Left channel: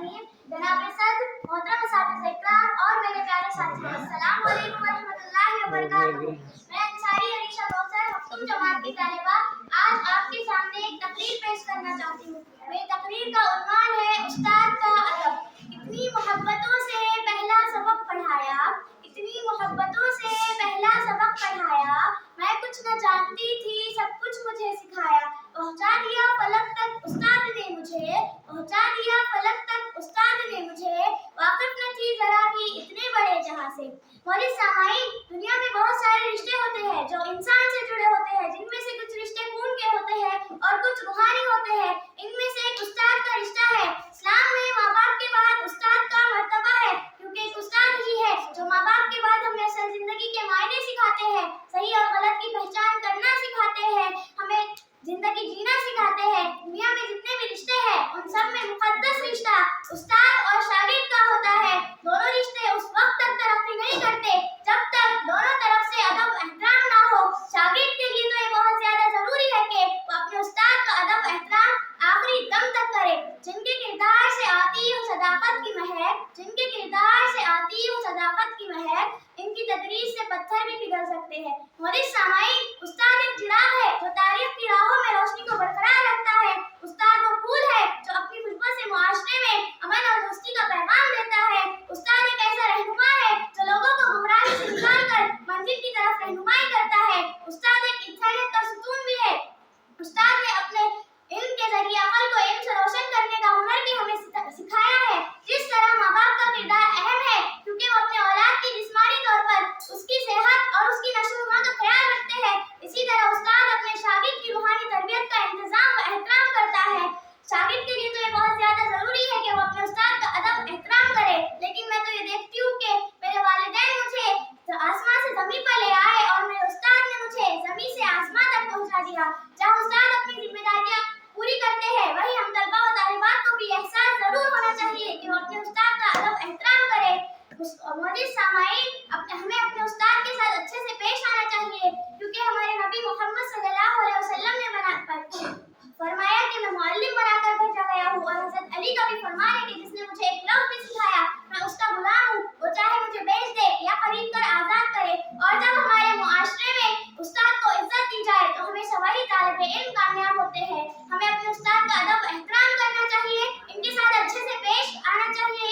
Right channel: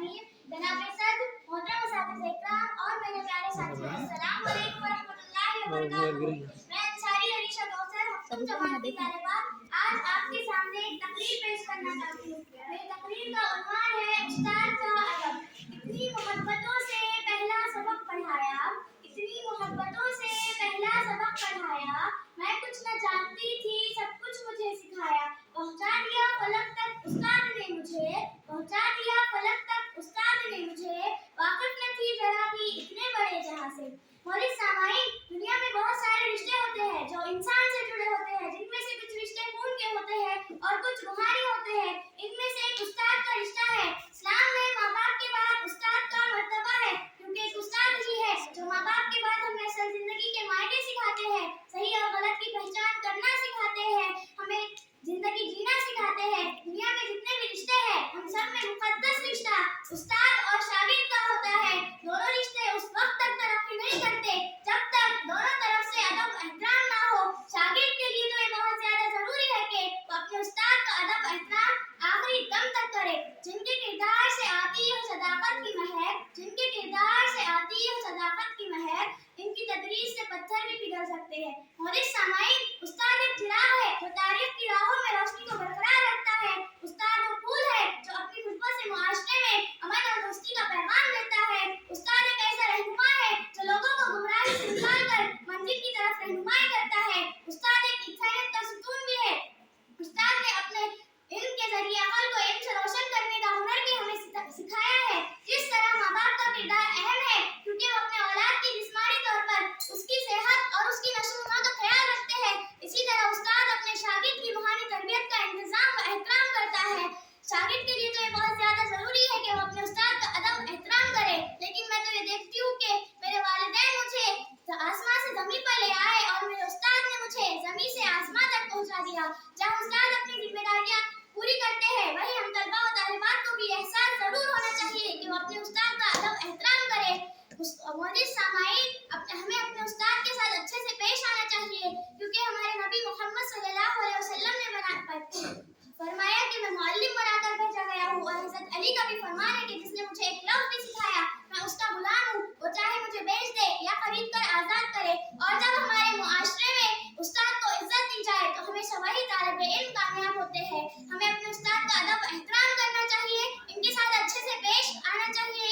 रहीम। जनाब सद मोहतरम असातिज़ इकराम और मेरे प्यारे साथियों, अस्सलाम वालेकुम व रहमतुल्लाहि व बरकातहू। मैं अंसारी अलीशा कौसर हफ्तुम जमात की तालिबा आज आपके सामने एक तकरीर पेश करना चाहती हूँ। मेरी तकरीर का उन्वान है उस्ताद का अदब। इतनी मोहब्बतों से पहला सबक पढ़ाया, इतनी मोहब्बतों से पहला सबक पढ़ाया, मैं कुछ न जानती थी सब कुछ मुझे सिखाया। पहुंचा दिया फलक तक उस्ताद ने मुझे, पहुंचा दिया फलक तक उस्ताद ने मुझे, वाकिफ न थी जरा भी इतने बड़े जहां से। मोहतरम सामाईन, दुनिया में बहुत सारे रिश्ते होते हैं जो इंसान से जुड़े होते हैं, जिनमें से कुछ रिश्ते खून के होते हैं और कुछ रूहानी होते हैं। इनमें से एक उस्ताद का रिश्ता है। इस्लाम में माँ बाप के बाद उस्ताद का मर्तबा है, क्योंकि एक उस्ताद ही है जो माँ बाप के बाद हमें असल जिंदगी के मायने सिखाते हैं, सही और गलत की पहचान करना सिखाते हैं, हमें जिंदगी जीना सिखाते हैं। दुनिया में जितने भी रिश्ते हैं उन सब में मुकद्दस रिश्ता उस्ताद और शागिर्द का होता है। दोनों रिश्ते उस वक्त तक तरक्की नहीं करते जब तक दोनों तरफ से अदब एहतराम ना हो। शागिर्द के लिए तो ये बहुत ज्यादा जरूरी है कि वो अपने उस्ताद का अदब एहतराम आखिरी दम तक करे। जिनके किरदार से आती हो सदाकत की महक, जिनके किरदार से आती हो सदाकत की महक, इनकी तदरीस से पत्थर भी पिघल सकते हैं। मोहतरम सामाईन, उस्ताद एक चिराग है जो तारीख की राहों में रोशनी को बरकरार रखता है। उस्ताद वो फूल है जो अपनी खुशबू से मुआशरे में अमन और दोस्ती का पैगाम देता है। उस्ताद एक ऐसा रहनुमा है जो लोगों को गुमराही से निकालकर मंजिल की तरफ रहनुमाई करता है। उस्ताद एक इंसानियत का सुतून भी है। उस्ताद ने अपने इल्म के जरिए अकल को इल्म से रोशन करने का हुनर भी हमें सिखाया है। जिस तरह माँ बाप का किरदार अहम है, क्योंकि वो अपने औलाद की जिस्मानी तौर पर उसकी सेहत और उसकी नशो-नुमा का ख्याल रखते हैं, इसी तरह उस्ताद अपने शागिर्द की रूहानी तरबियत का इंतजाम व एहतराम करता है। शागिर्द के लिए तो ये बहुत ज्यादा जरूरी है कि वो अपने उस्ताद का अदब एहतराम करे, लेकिन मैं तो ये देखती हूँ कि मेरे वालिदैन मुझे आसमान से जमीन पर ले आए और मेरे उस्ताद ने मुझे जमीन से आसमान तक पहुँचा दिया। जहाँ उस्ताद अपनी जिम्मेदारियाँ पूरी करते हैं, वही हम तलबा और तालिबात को भी एहसास जरूर होना चाहिए कि वो अपने उस्ताद का अदब एहतराम करें। मोहतरम सामाईन, हमें अपने उस्ताद के साथ अच्छे से पेश आना चाहिए, क्योंकि हमारे नबी मोहम्मद सल्लल्लाहु अलैहि वसल्लम ने फरमाया कि मैं मुअल्लिम बनाकर भेजा गया हूँ, और हज़रत अली का भी फरमान है कि जिसने मुझे एक लफ्ज़ भी सिखाया मैं उसका गुलाम हूँ, वो चाहे मुझे बेच दे या खरीद कर आजाद करे। और जब हमारे मुआशरे में उस्ताद को इज्जत दी जाए तो हमेशा वही तालिब इल्म कामयाब होते हैं। हमें अपने उस्ताद का अदब एहतराम करना चाहिए, इनके साथ अच्छे से पेश आना चाहिए,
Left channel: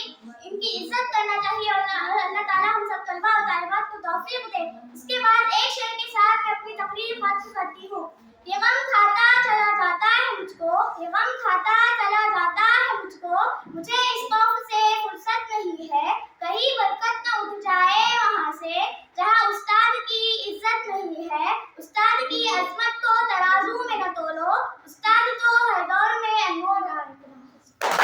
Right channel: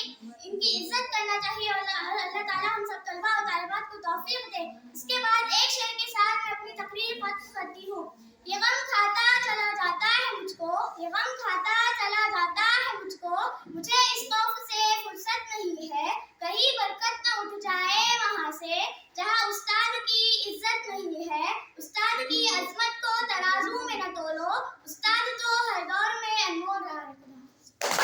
इनकी इज्जत करना चाहिए, और अल्लाह ताला हम सब तलबा और तालिबात को तौफीक दे। इसके बाद एक शेर के साथ मैं अपनी तकरीर खत्म करती हूँ। ये गम खाता चला जाता है मुझको, ये गम खाता चला जाता है मुझको, मुझे इस खौफ से फुर्सत नहीं है कहीं बरकत न उठ जाए वहाँ से जहाँ उस्ताद की इज्जत नहीं है। उस्ताद की अजमत को तराजू में न तोलो,